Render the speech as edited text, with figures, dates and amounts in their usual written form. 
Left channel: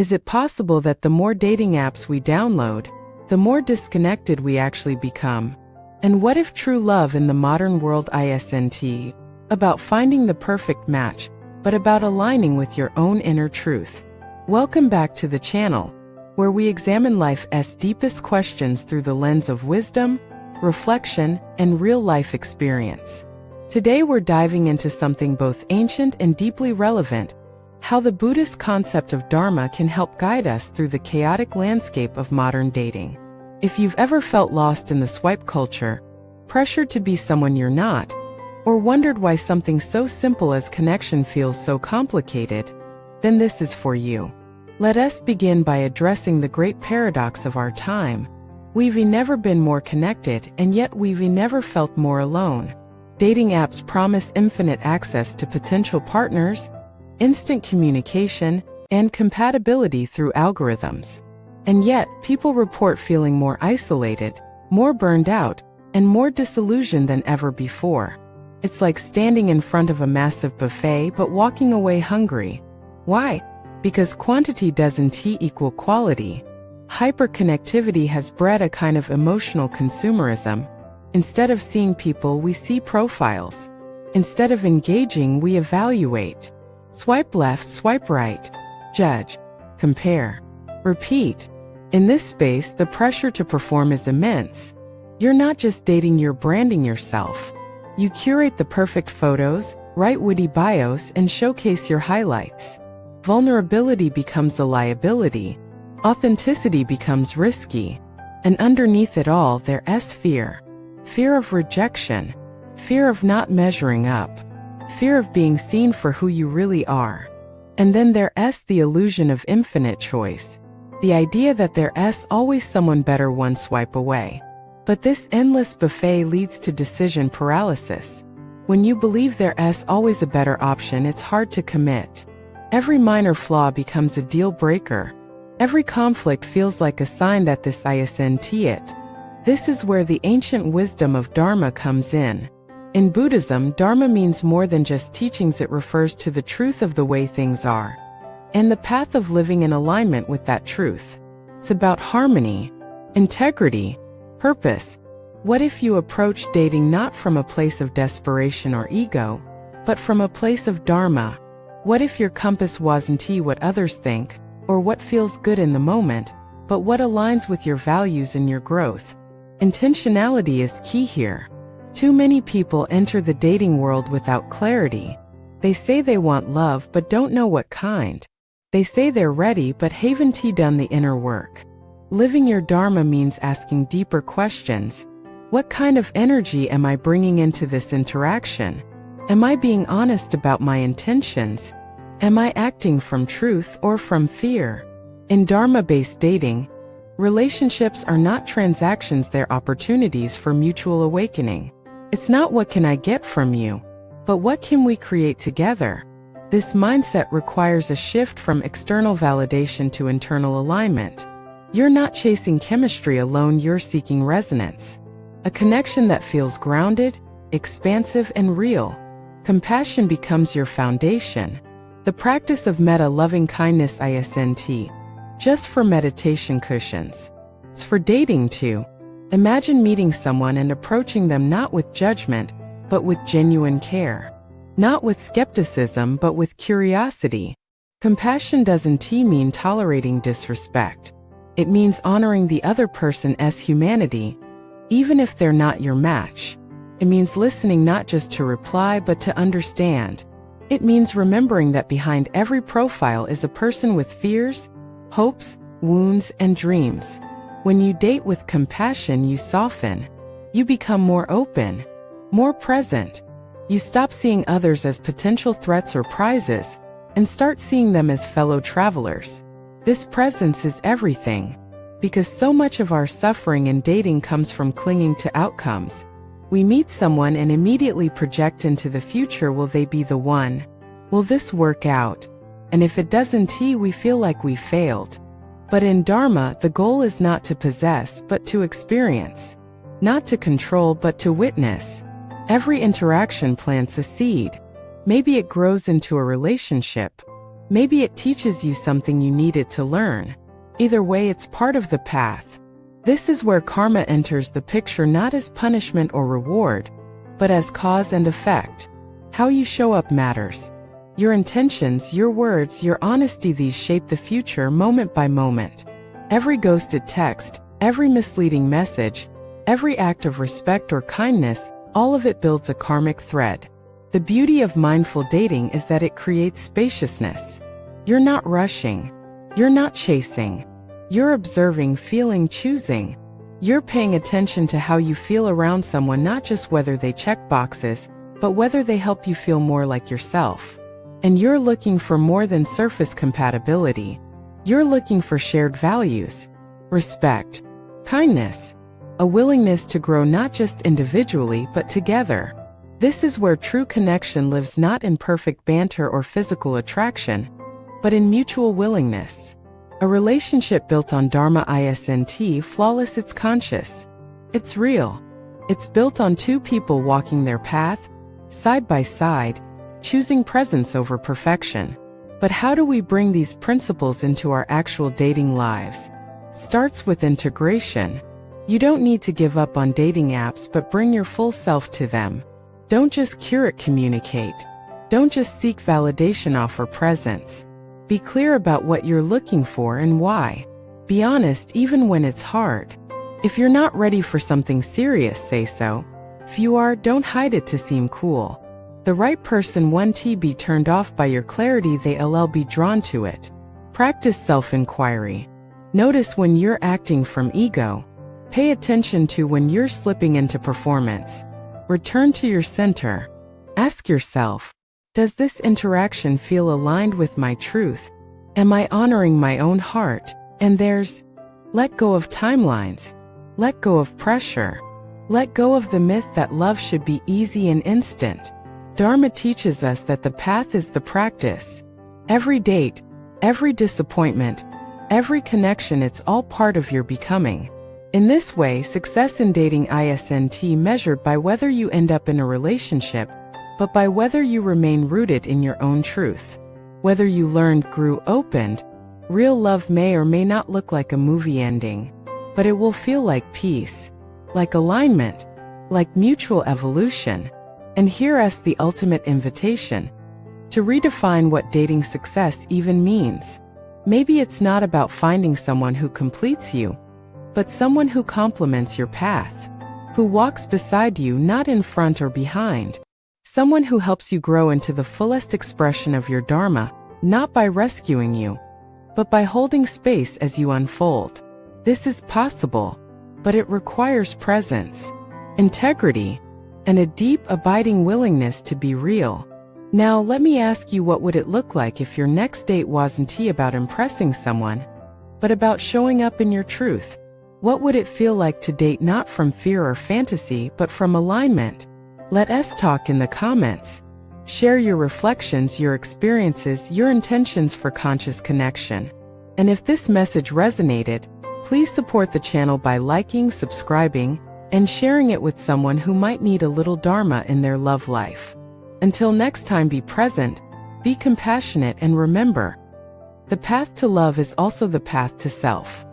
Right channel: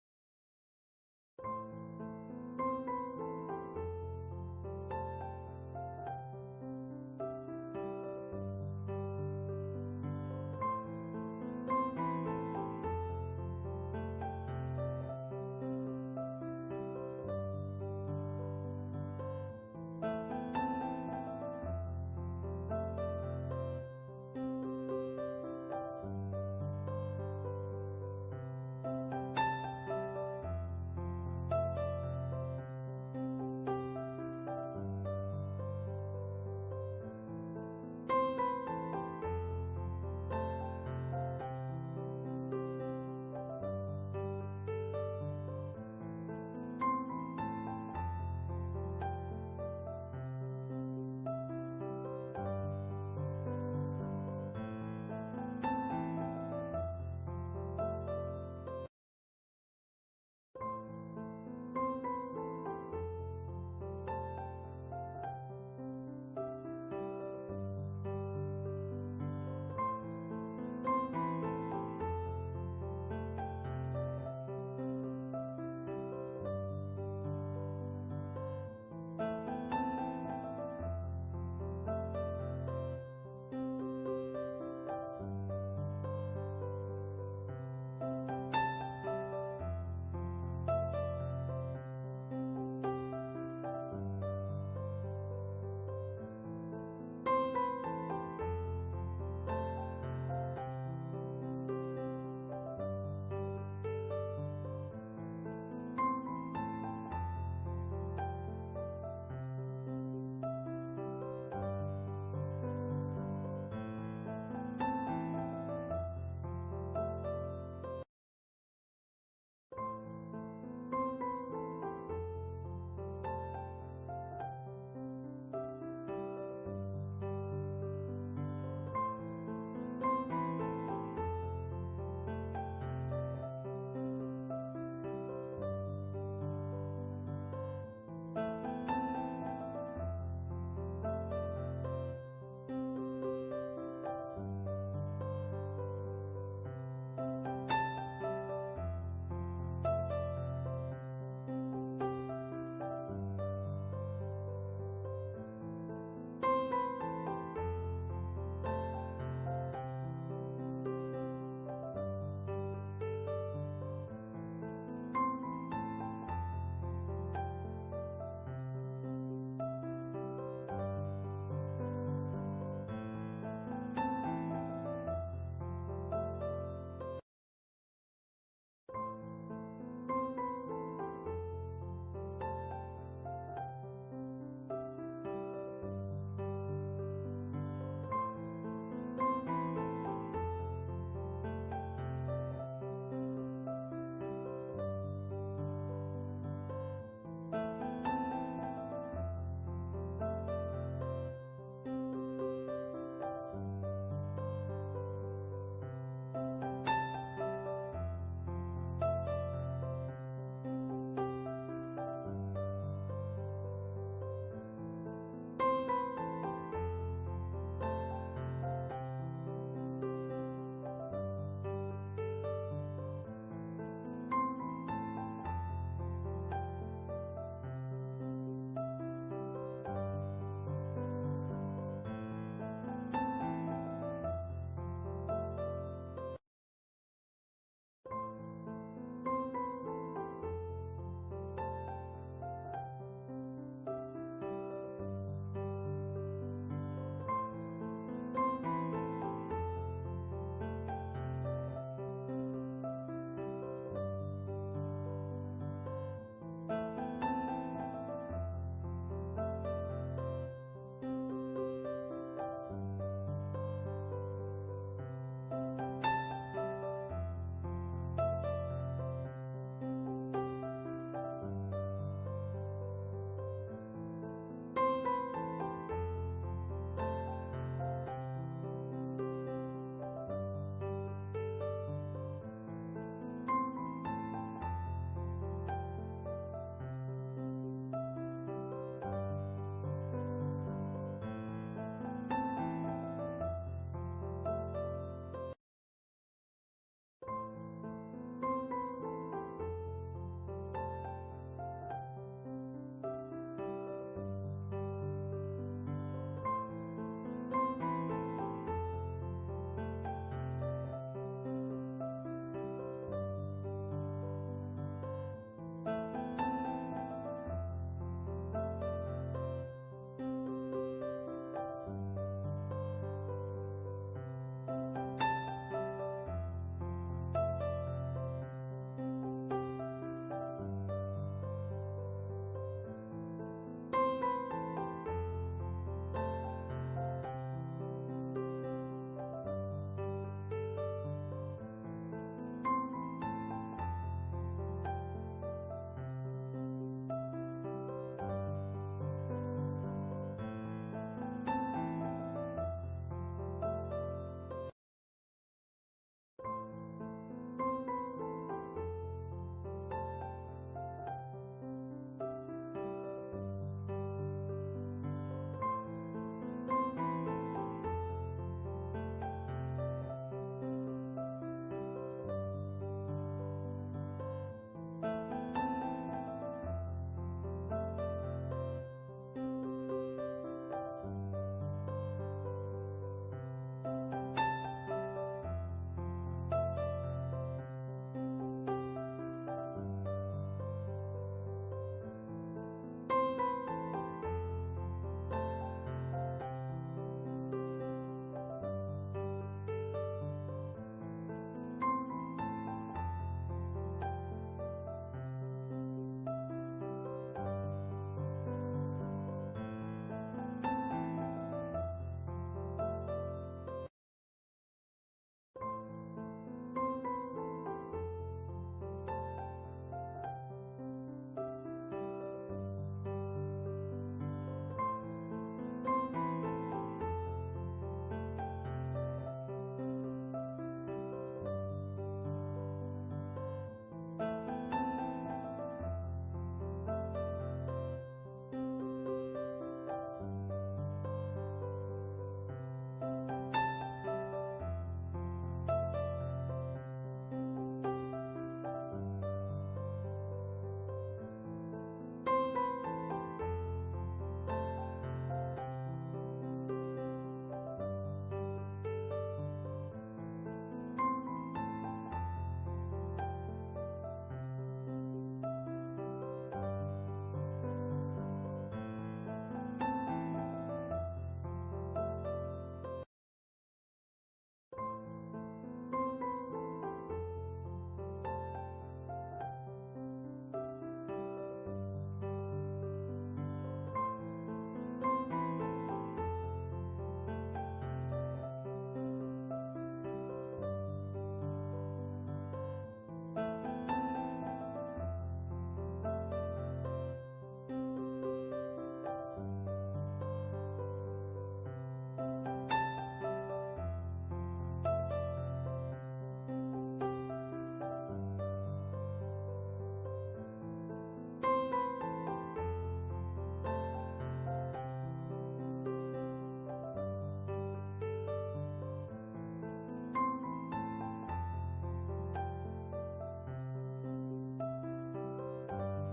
Is it possible that the more dating apps we download, the more disconnected we actually become? And what if true love in the modern world isn't about finding the perfect match, but about aligning with your own inner truth? Welcome back to the channel, where we examine life's deepest questions through the lens of wisdom, reflection, and real-life experience. Today we're diving into something both ancient and deeply relevant: how the Buddhist concept of Dharma can help guide us through the chaotic landscape of modern dating. If you've ever felt lost in the swipe culture, pressured to be someone you're not, or wondered why something so simple as connection feels so complicated, then this is for you. Let us begin by addressing the great paradox of our time. We've never been more connected, and yet we've never felt more alone. Dating apps promise infinite access to potential partners, instant communication, and compatibility through algorithms. And yet, people report feeling more isolated, more burned out, and more disillusioned than ever before. It's like standing in front of a massive buffet but walking away hungry. Why? Because quantity doesn't equal quality. Hyperconnectivity has bred a kind of emotional consumerism. Instead of seeing people, we see profiles. Instead of engaging, we evaluate. Swipe left, swipe right. Judge. Compare. Repeat. In this space, the pressure to perform is immense. You're not just dating, you're branding yourself. You curate the perfect photos, write witty bios, and showcase your highlights. Vulnerability becomes a liability. Authenticity becomes risky. And underneath it all, there's fear. Fear of rejection. Fear of not measuring up. Fear of being seen for who you really are. And then there's the illusion of infinite choice. The idea that there's always someone better one swipe away. But this endless buffet leads to decision paralysis. When you believe there's always a better option, it's hard to commit. Every minor flaw becomes a deal breaker. Every conflict feels like a sign that this isn't it. This is where the ancient wisdom of Dharma comes in. In Buddhism, Dharma means more than just teachings. It refers to the truth of the way things are, and the path of living in alignment with that truth. It's about harmony, integrity, purpose. What if you approach dating not from a place of desperation or ego, but from a place of Dharma? What if your compass wasn't what others think, or what feels good in the moment, but what aligns with your values and your growth? Intentionality is key here. Too many people enter the dating world without clarity. They say they want love but don't know what kind. They say they're ready but haven't done the inner work. Living your Dharma means asking deeper questions. What kind of energy am I bringing into this interaction? Am I being honest about my intentions? Am I acting from truth or from fear? In Dharma-based dating, relationships are not transactions, they're opportunities for mutual awakening. It's not what can I get from you, but what can we create together? This mindset requires a shift from external validation to internal alignment. You're not chasing chemistry alone, you're seeking resonance. A connection that feels grounded, expansive, and real. Compassion becomes your foundation. The practice of loving kindness isn't just for meditation cushions. It's for dating too. Imagine meeting someone and approaching them not with judgment, but with genuine care. Not with skepticism, but with curiosity. Compassion doesn't mean tolerating disrespect. It means honoring the other person's humanity, even if they're not your match. It means listening not just to reply, but to understand. It means remembering that behind every profile is a person with fears, hopes, wounds, and dreams. When you date with compassion, you soften. You become more open, more present. You stop seeing others as potential threats or prizes, and start seeing them as fellow travelers. This presence is everything, because so much of our suffering in dating comes from clinging to outcomes. We meet someone and immediately project into the future. Will they be the one? Will this work out? And if it doesn't, we feel like we failed. But in Dharma, the goal is not to possess, but to experience. Not to control, but to witness. Every interaction plants a seed. Maybe it grows into a relationship. Maybe it teaches you something you needed to learn. Either way, it's part of the path. This is where karma enters the picture, not as punishment or reward, but as cause and effect. How you show up matters. Your intentions, your words, your honesty, these shape the future moment by moment. Every ghosted text, every misleading message, every act of respect or kindness, all of it builds a karmic thread. The beauty of mindful dating is that it creates spaciousness. You're not rushing. You're not chasing. You're observing, feeling, choosing. You're paying attention to how you feel around someone, not just whether they check boxes, but whether they help you feel more like yourself. And you're looking for more than surface compatibility. You're looking for shared values, respect, kindness, a willingness to grow not just individually but together. This is where true connection lives, not in perfect banter or physical attraction, but in mutual willingness. A relationship built on Dharma isn't flawless, it's conscious. It's real. It's built on two people walking their path, side by side, choosing presence over perfection. But how do we bring these principles into our actual dating lives? Starts with integration. You don't need to give up on dating apps, but bring your full self to them. Don't just curate, communicate. Don't just seek validation, offer presence. Be clear about what you're looking for and why. Be honest even when it's hard. If you're not ready for something serious, say so. If you are, don't hide it to seem cool. The right person won't be turned off by your clarity, they'll be drawn to it. Practice self-inquiry. Notice when you're acting from ego. Pay attention to when you're slipping into performance. Return to your center. Ask yourself, does this interaction feel aligned with my truth? Am I honoring my own heart? And let go of timelines. Let go of pressure. Let go of the myth that love should be easy and instant. Dharma teaches us that the path is the practice. Every date, every disappointment, every connection, it's all part of your becoming. In this way, success in dating isn't measured by whether you end up in a relationship, but by whether you remain rooted in your own truth. Whether you learned, grew, opened. Real love may or may not look like a movie ending, but it will feel like peace, like alignment, like mutual evolution. And here's the ultimate invitation to redefine what dating success even means. Maybe it's not about finding someone who completes you, but someone who complements your path, who walks beside you, not in front or behind. Someone who helps you grow into the fullest expression of your Dharma, not by rescuing you, but by holding space as you unfold. This is possible, but it requires presence, integrity, and a deep, abiding willingness to be real. Now, let me ask you, what would it look like if your next date wasn't about impressing someone, but about showing up in your truth? What would it feel like to date not from fear or fantasy, but from alignment? Let us talk in the comments. Share your reflections, your experiences, your intentions for conscious connection. And if this message resonated, please support the channel by liking, subscribing, and sharing it with someone who might need a little Dharma in their love life. Until next time, be present, be compassionate, and remember, the path to love is also the path to self.